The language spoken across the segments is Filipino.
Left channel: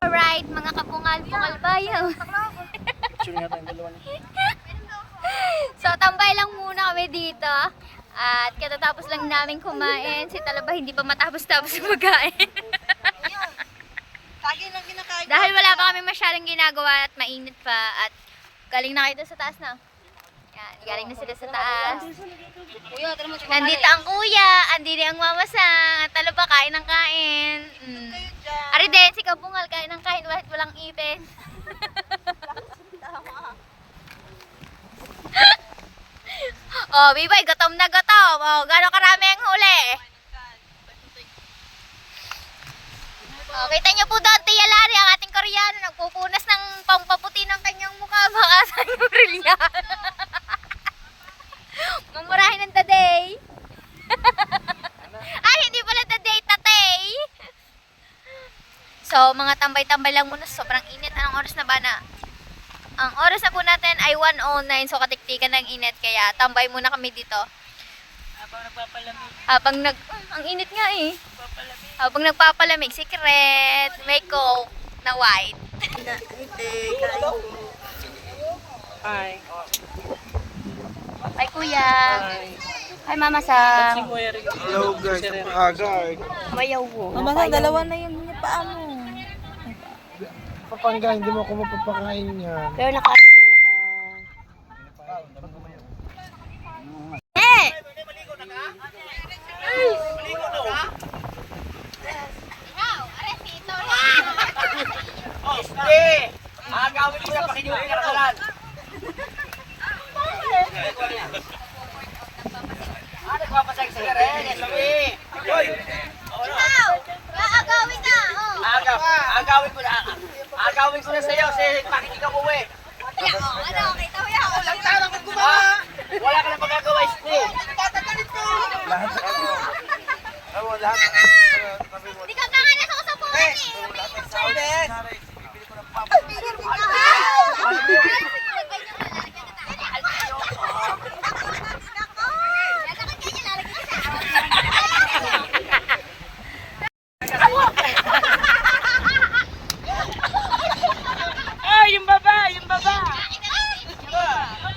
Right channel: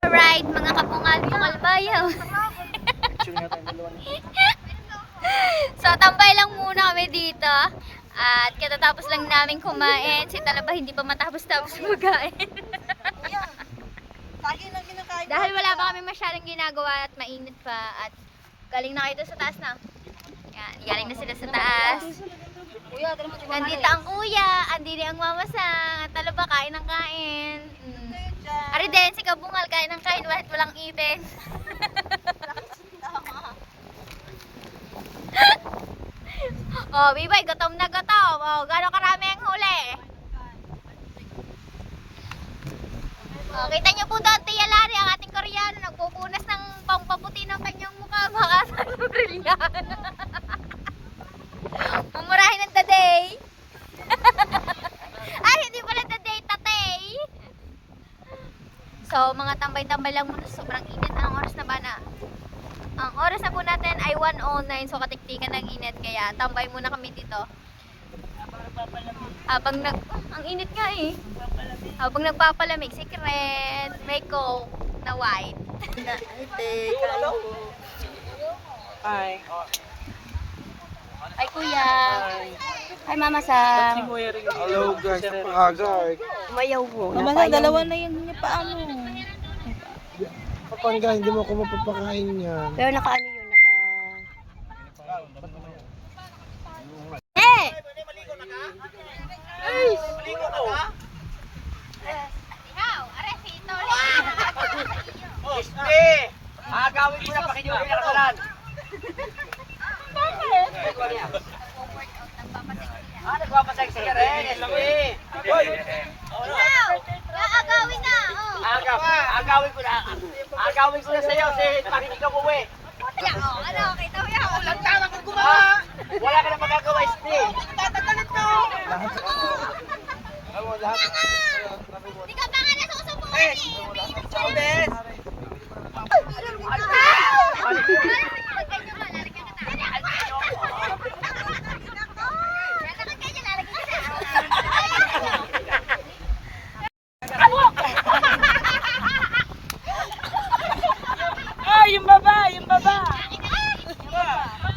Alright, mga kapungal-pungal bayaw. Picture nga tayong dalawa niya. So, tambay lang muna kami dito. At katatapos lang namin kumain. Si Talaba hindi pa matapos-tapos kumakain. Dahil wala pa kami masyadong ginagawa at mainit pa. At galing na kayo sa taas na. Yan, galing na sila sa taas. Nandito ang kuya, andito ang mamasang. At Talaba kain ng kain. Ari din, si Kabungal kain ng kain kahit walang ipin. Oh, Bibay, gutom na gutom. Oh, gano'ng karami ang huli? Oh, kita niyo po doon, Tia Lari, ang ating Koreano, nagpupunas ng pampaputi ng kanyang mukha. Baka sa brilyan. Mamurahin ng taday. Ay, hindi pala taday, tatay. So, mga tambay-tambay lang muna. Sobrang init. Anong oras na ba na? Ang oras na po natin ay 1:09. So, katiktikan ng init. Kaya, tambay muna kami dito. Habang ang init nga eh. Habang nagpapalamig. Secret. May coke na white. Hi. Ay, kuya. Ay, mama sa Hello guys, napakaga. mayaw mo. Mama, dalawa na yun niya paano? Papangga, hindi mo ako mapapakain yan. Pero naka-ano yun, Eh! Oh, hindi! Agawin ko na pakinyuri ka na nagpapasay sa kare, sabi. Agawin na! Agawin ko na. Agawin ko na sa'yo, bakit ikaw uwi? Ano, kita mo yan? Walang tama kang gumawa. Wala ka na magagawa, Steve. Tatagalit ko. Hindi ka nga nasusubukan eh! Sobes! yung baba!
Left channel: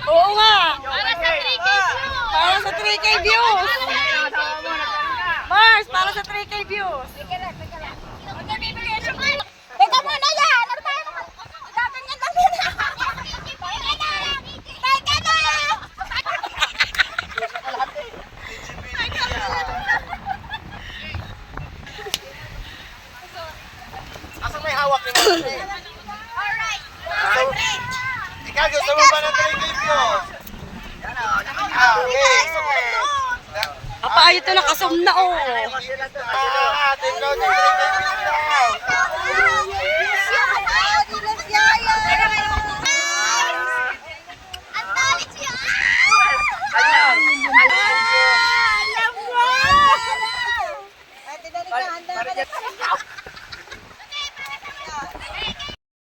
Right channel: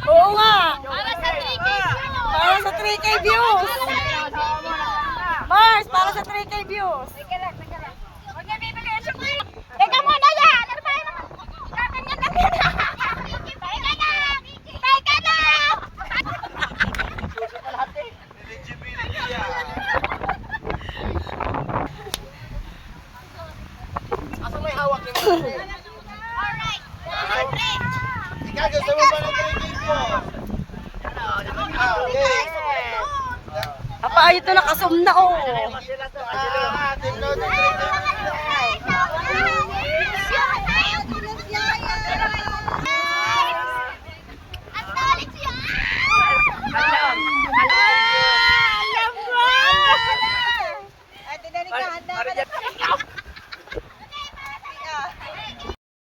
Oo nga! Para sa 3K views! Mars, para sa 3K views! Huwag na bibili yung chocolate! Teka muna yan! Ano ba naman? Gaganyan lang yun! Teka na! Teka na! Asa may hawak ni mo? Alright! Ikaw, gusto mo ba ng 3 Apa, ayun ito nakasum na oh! Ang talit siya!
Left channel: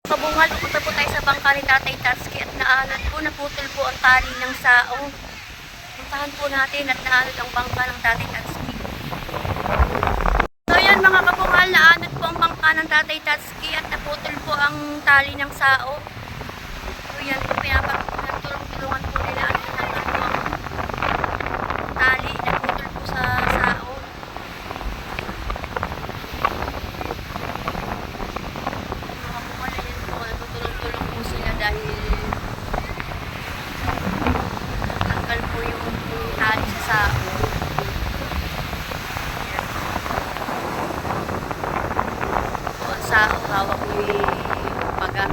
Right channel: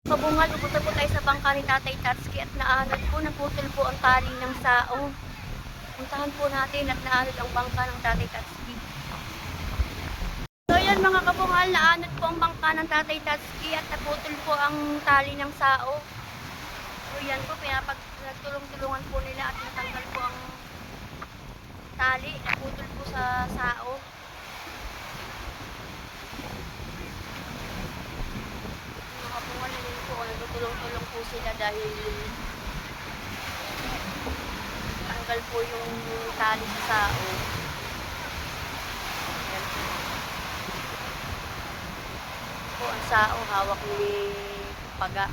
Kabungal, pupunta po tayo sa bangka ni Tatay Tatsuki at naanod po, naputol po ang tali ng sao. Puntahan po natin at naanod ang bangka ng Tatay Tatsuki. So yan mga kabungal, naanod po ang bangka ng Tatay Tatsuki at naputol po ang tali ng sao. So yan po, pinapagtulong-tulungan po nila at natanggal po ang tali, naputol po sa sao. Mga kabungal, yan po, natutulong-tulong po sila dahil tanggal po yung tali sa sao. Ayan. Po ang sao, hawak ni Paga.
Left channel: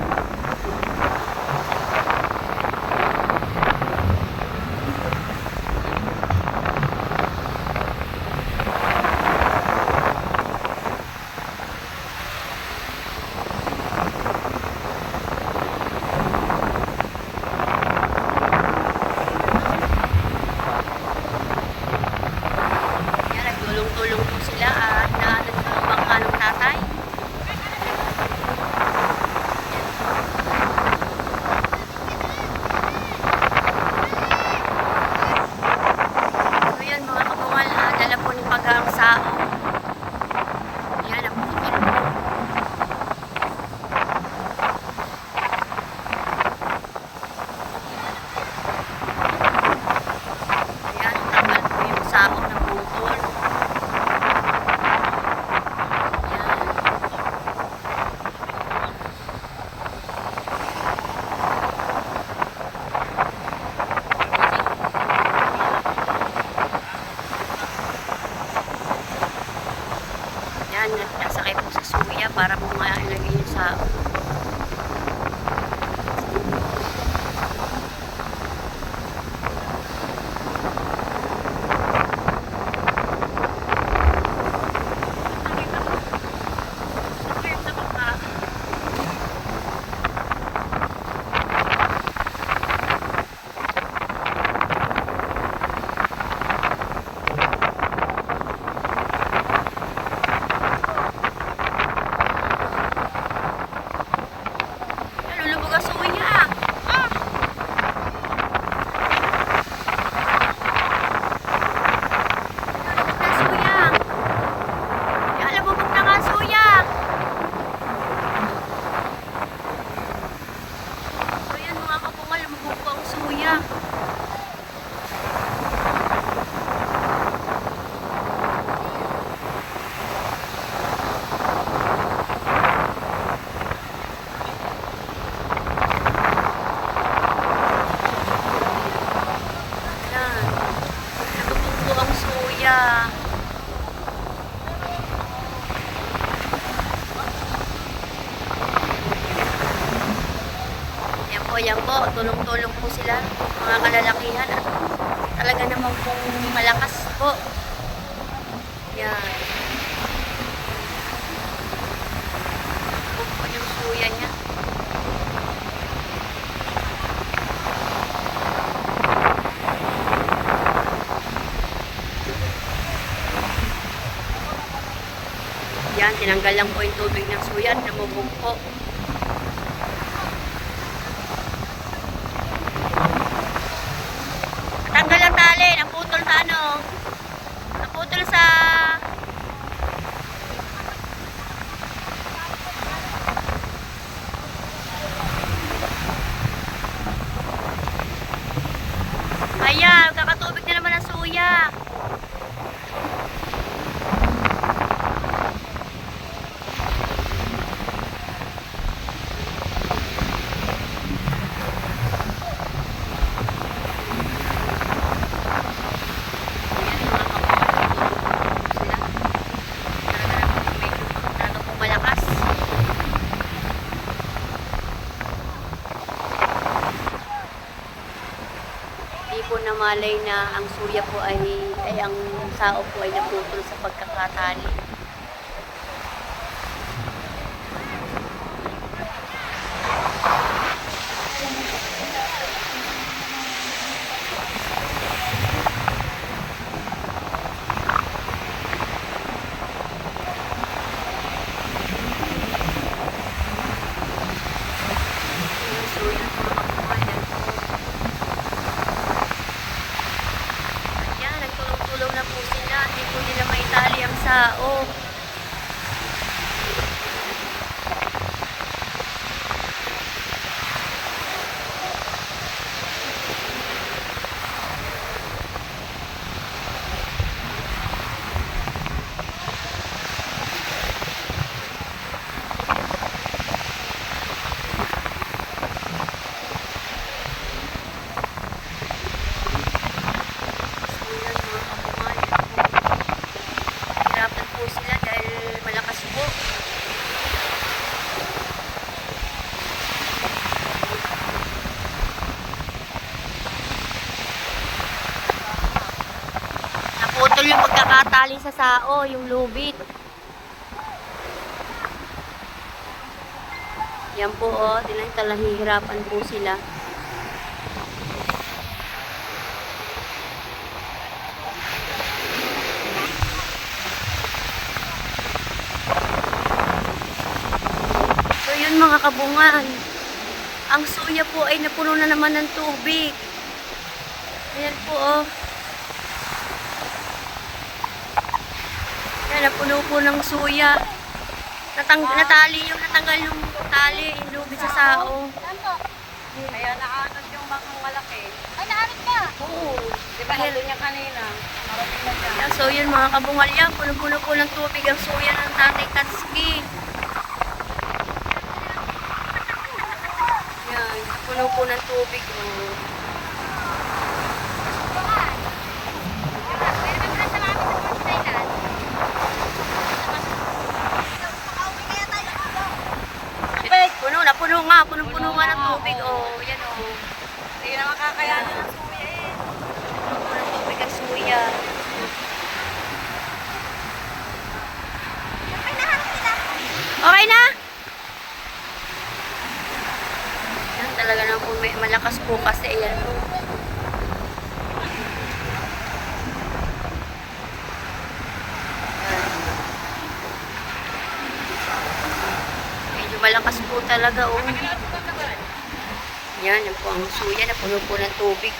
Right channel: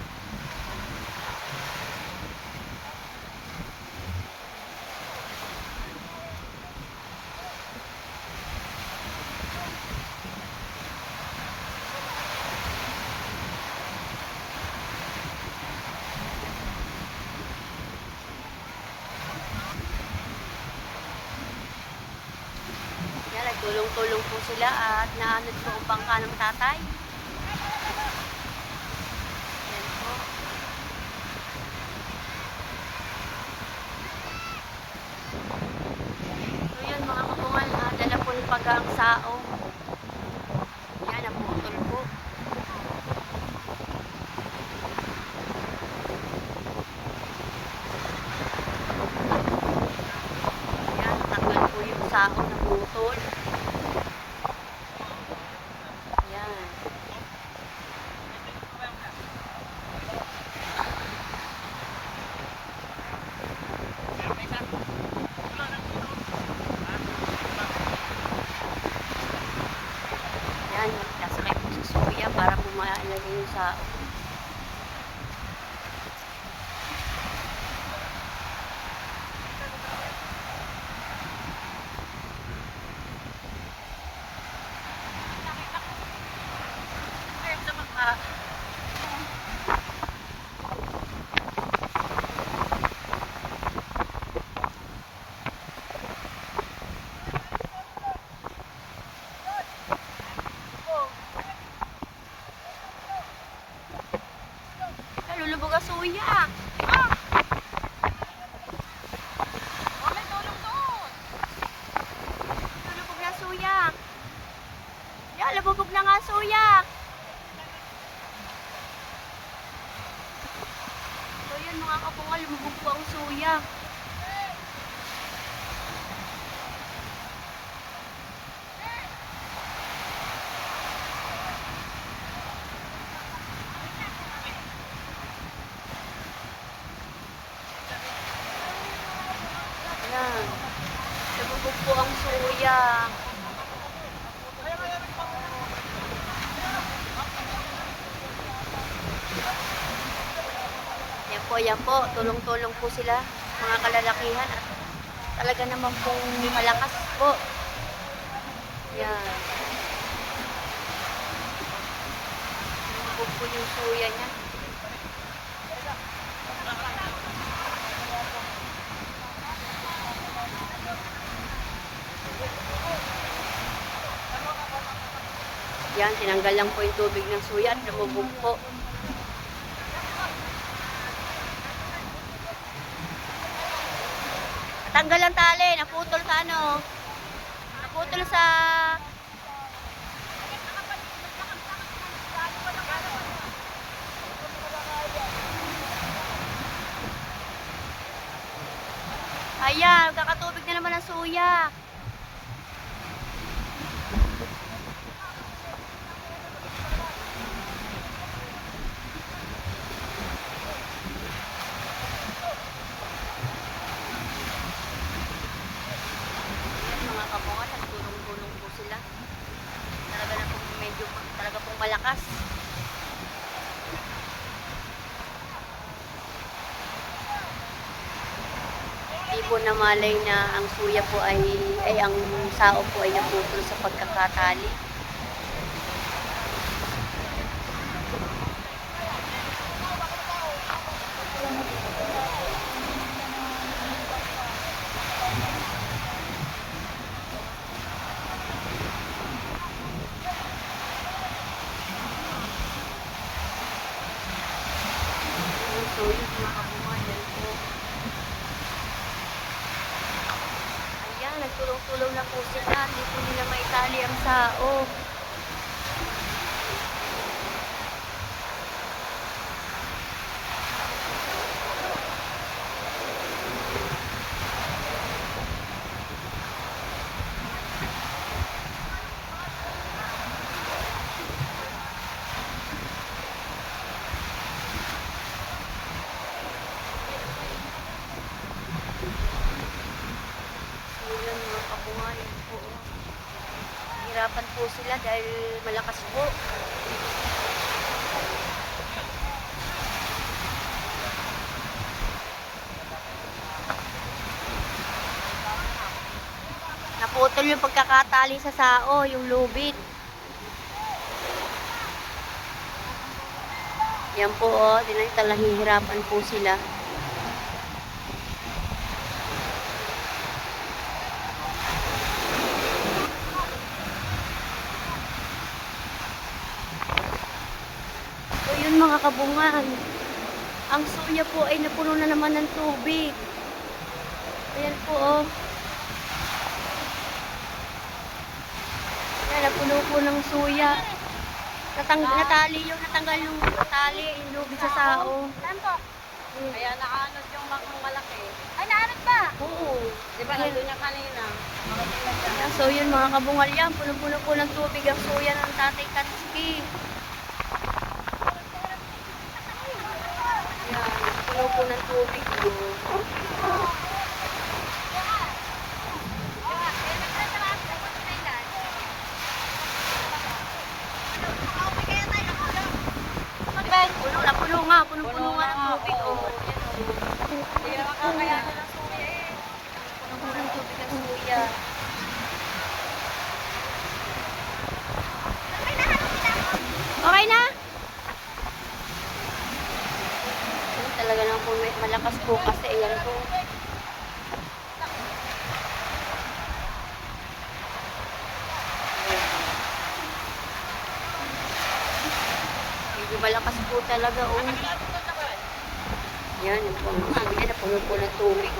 Tulong-tulong po sila at naanod po ang bangka ng tatay. Yan. naging yung sao. Lulubog ang suya. Lulubog na suya. Yan, lumubog na nga suya. So yan mga kapungal, lumubog po ang suya. Yan. Lumubog po ang suya. Yan po, tulong-tulong po sila, mga kalalakihan, at talaga naman pong malakas po. Yan. Lumubog po yung suya niya. Yan, tinanggal lang po yung tubig ng suya at lumubog po. Natanggal ang tali, naputol sa ano? Naputol sa... Ayan, kakatubig na naman ang suya. Malakas. Di po namalay na ang suya po ay ang sao po ay naputol sa pagkakatali. So yun mga kabuhayan po. Ayan, nagtulong-tulong na po sila. Di po nila maitali ang sao. Hirapan po sila dahil malakas po. Naputol yung pagkakatali sa sao, yung lubid. Yan po oh, hihirapan po sila. So yun mga kabungan, ang suya po ay napuno na naman ng tubig. Ayan po oh. Ayan, napuno po ng suya. Natanggal yung tali, yung lubid sa sao. Kaya nakaanos yung malaki. Ay, naanod ka! Oo. Di ba halo niya kanina? Ayan, so yun mga kabungal yan, puno-puno po ng tubig ang suya ng Tatay Tatsuki. Yan, puno po ng tubig. Oh. napuno nga. Punong-puno nga ng tubig. Oh, yan oh. Hindi na makakayanan ng suya eh. Puno ng tubig ang suya. Okay na? Yan talaga na po may malakas po kasi ayan po. Medyo malakas po talaga oh. Yan, yan po ang suya na puno po ng tubig.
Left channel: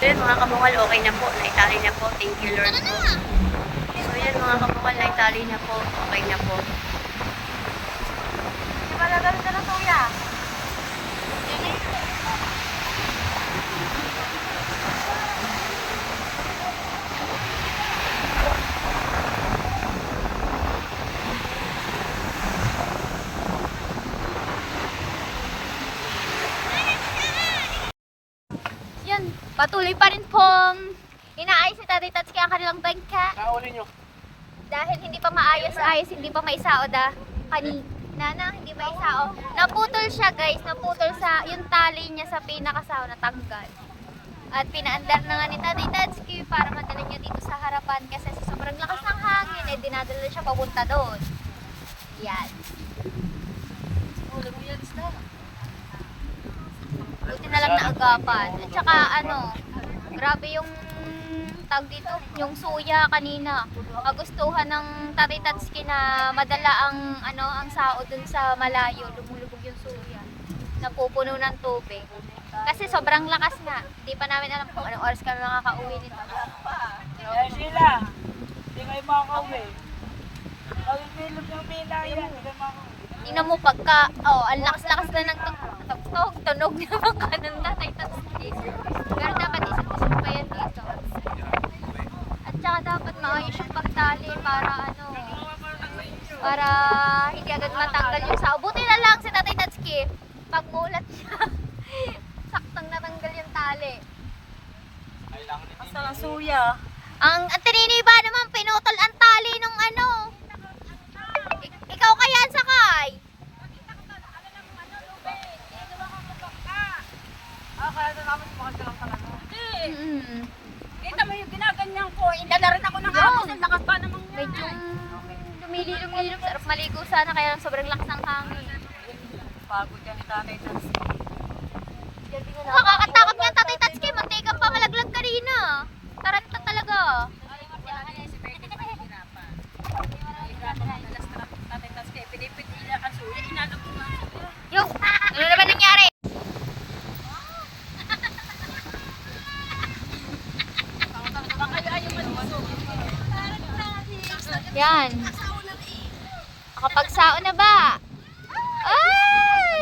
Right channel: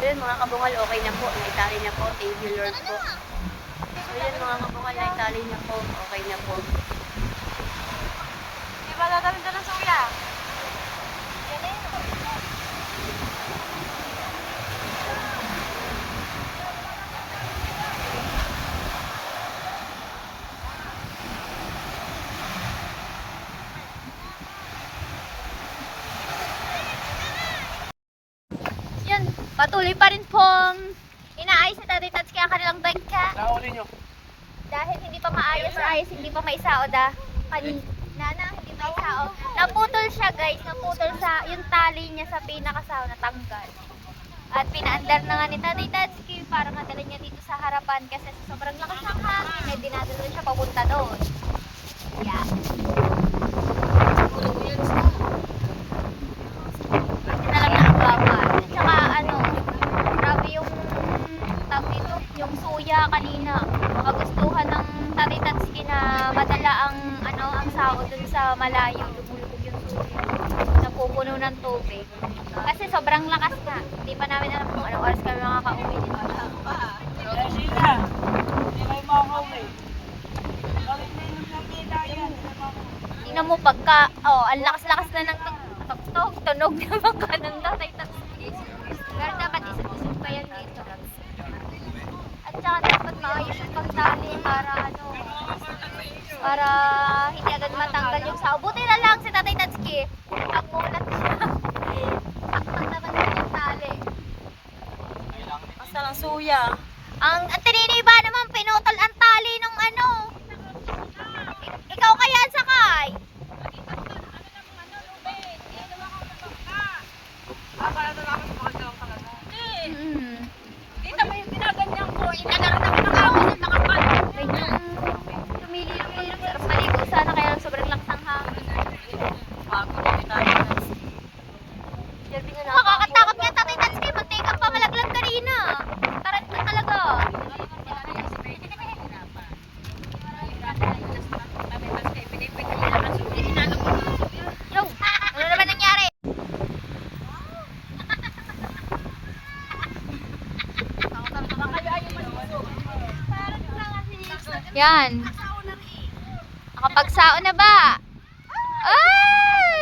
Yun mga kabungal, okay na po. Naitali na po. Thank you Lord po. So yun mga kabungal, naitali na po. Okay na po. Di ba nagaling ka ng suya? Yan, patuloy pa rin pong inaayos ni Tatay Tatsuki ang kanilang bangka. Nauli nyo. Dahil hindi pa maayos-ayos, hindi pa maisaod kanina na, hindi maisaod. Naputol siya guys, naputol sa yung tali niya sa pinakasaw, natanggal. At pinaandar na nga ni Tatay Tatsuki para madala niya dito sa harapan kasi sa sobrang lakas ng hangin, eh dinadala siya papunta doon. Yan. Buti na lang naagapan. At saka ano, grabe yung tawag dito, yung suya kanina. Kagustuhan ng Tatay Tatsuki na madala ang ano, ang sao dun sa malayo, lumulubog yung suya. Napupuno ng tubig. Kasi sobrang lakas nga. Hindi pa namin alam kung anong oras kami makakauwi nito. Eh, sila. Hindi kayo makakauwi. Gawin din ng pamila yan. Tingnan mo pagka, ang lakas-lakas na ng tunog naman ka ng Tatay Tatsuki. Pero dapat isip-isip pa yan dito. At saka dapat maayos yung pagtali para ano, para hindi agad matanggal yung sao. Buti na lang si Tatay Tatsuki, pag mulat siya, saktang natanggal yung tali. Basta ng suya. Ang tininiba naman, pinutol ang tali nung ano. Ikaw kaya ang sakay? Kaya na namin sumakal ka lang talaga. Mm. Kita mo yung ginaganyan ko. Inadaran ako ng ako sa nakapal. Medyo lumililom-lilom, sarap maligo sana kaya lang sobrang lakas ng hangin. Nakakatakot nga Tatay Tatsuki, mantika pa malaglag ka rin ah. Taranta talaga. Yung, ano naman nangyari? Yan. Nakapagsao na ba? Ay!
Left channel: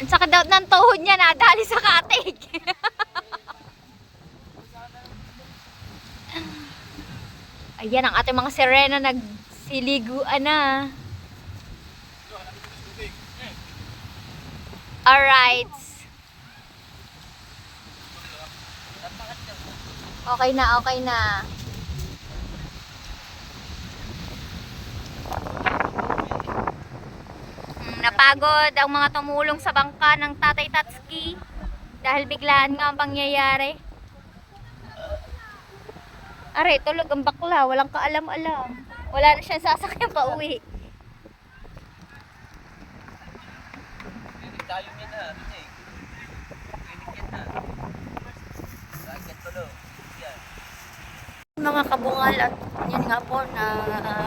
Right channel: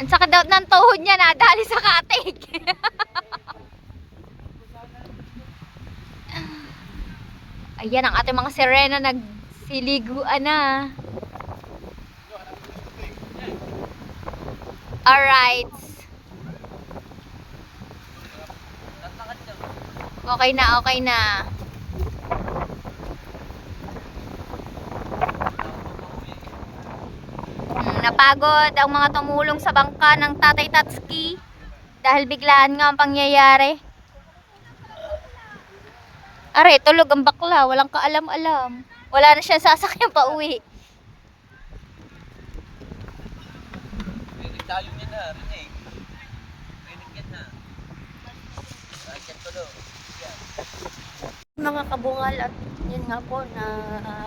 Ang sakit daw ng tuhod niya, nadali sa katig. Ayan ang ating mga sirena nagsiliguan na. Alright. Okay na, okay na. Napagod ang mga tumulong sa bangka ng Tatay Tatsuki dahil biglaan nga ang pangyayari. Are, tulog ang bakla, walang kaalam-alam. Wala na siyang sasakyan pa uwi. Mga kabungal at yun nga po na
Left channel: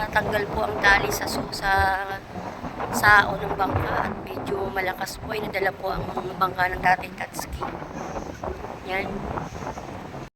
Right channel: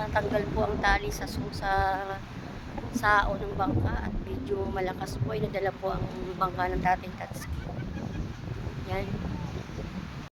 tanggal po ang tali sa sao ng bangka at medyo malakas po ay nadala po ang bangka ng Tatay Tatsuki. Yan.